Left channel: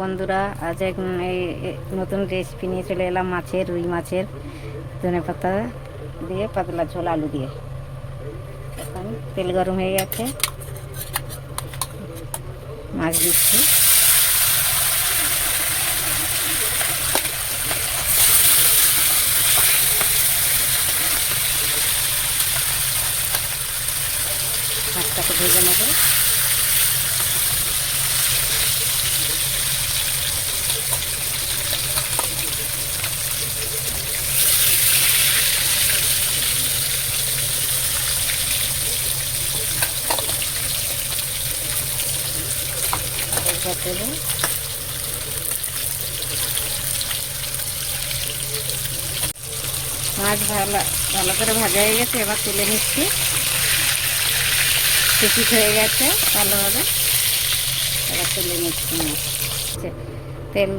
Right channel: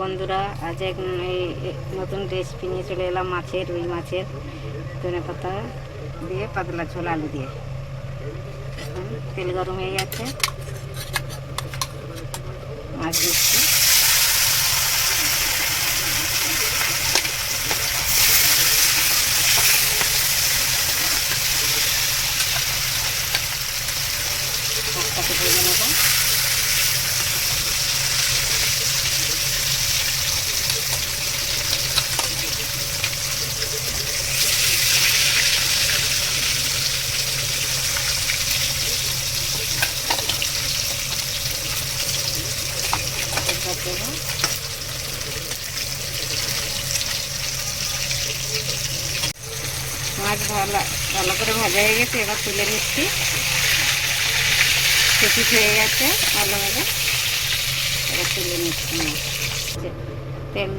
বন্ধুরা, আজ এক নতুন রেসিপি নিয়ে চলে এলাম মাছের, রুই মাছের ধনেপাতা দিয়ে পাতলা ঝোল আলু দিয়ে। এখন তেল গরম হয়ে গেছে, মাছ দিচ্ছি। মাছটাকে ভেজে নেব। মাছ ভালো করে ভাজা হয়ে গেছে, এবার তুলে নিচ্ছি। কুচি হয়ে গেছে ভালোভাবে, এবার তুলে নিচ্ছি। তেল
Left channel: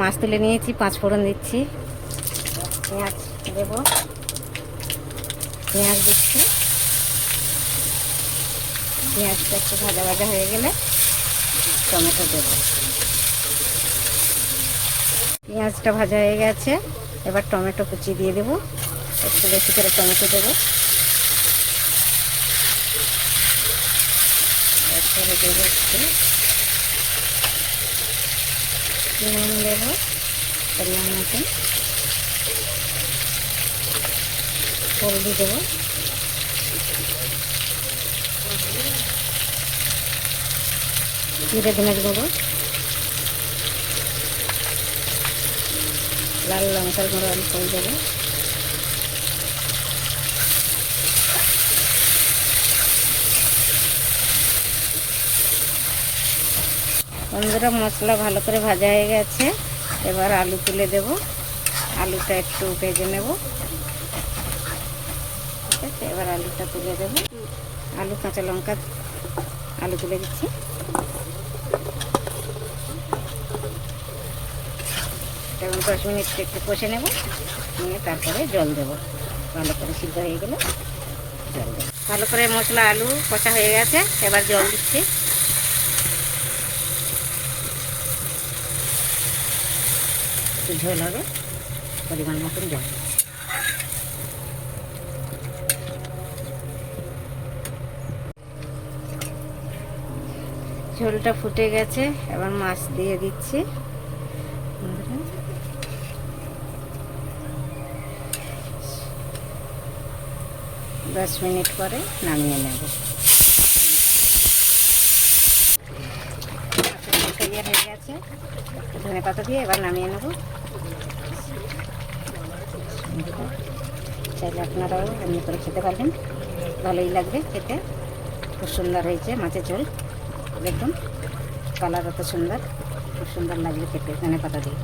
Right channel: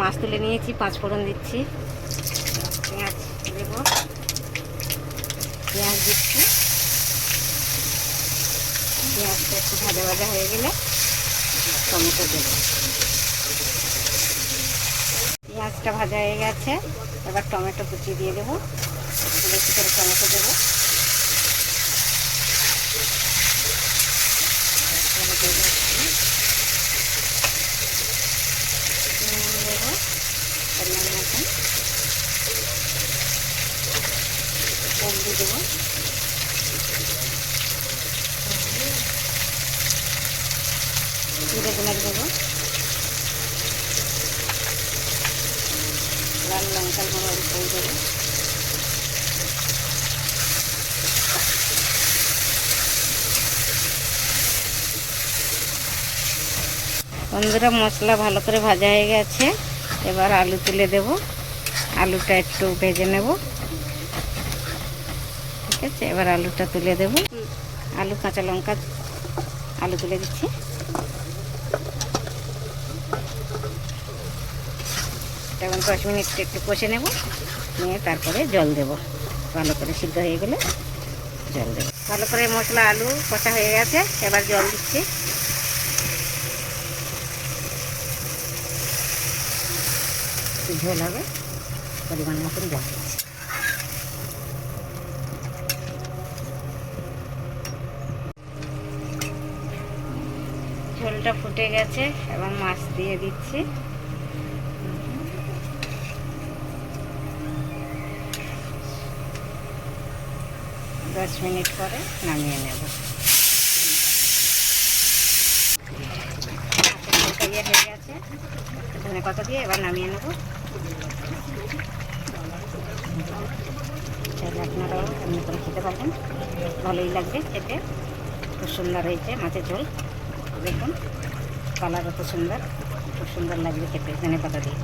মাছ তুলে নিয়েছি, 5 ফোড়ন দিচ্ছি, পেঁয়াজ দেবো, পেঁয়াজ দিচ্ছি। পেঁয়াজটা একটু ভাজা ভাজা হয়ে গেলে টমেটো দেবো। পেঁয়াজটা ভাজা হয়ে গেছে, এবার টমেটো কুচি দিয়ে দেবো। একটু বেশি করে টমেটো দেবো। দেবো পরিমাণ মতন, হলদি দেবো, জিরে ধনে দেবো, লাল লঙ্কার গুঁড়ো অল্প দেবো। বন্ধুরা, মশলা ভালো করে ভাজা হয়ে গেছে, এবার আলু তুলে দেব। আলুটা একটু ভেজে নেব, ঠিক আছে। এবার আলুটা তুলে দেব। আলু, কাঁচা লঙ্কা, আলু তুলে দিচ্ছি। এখন 10 মিনিট একটু কষে নেব, নিয়ে তারপরে জল দেব। ভালো করে সিদ্ধ হয়ে গেলে জল দেব। ভালো করে মশলা আলু কষা হয়ে গেছে, এবার জল দিচ্ছি। ঝোল হবে, পরিমাণ মতন জল দিচ্ছি। ঝোলটা ফুটে গেছে, এবার মাছ দিয়ে দিচ্ছি। 10 মিনিট পরে নামিয়ে নেব। হয়ে গেছে, ধনে পাতা দিয়ে এবার নামিয়ে নেব। চাইলে আপনারাও এমনি করে খেতে পারবেন, ভালোই লাগবে খেতে। খুব সুন্দর হয়েছে মাছের ঝোল, দেখুন কালার কত সুন্দর, খুব সুন্দর লাগবে খেতে ধনে পাতা দিয়ে।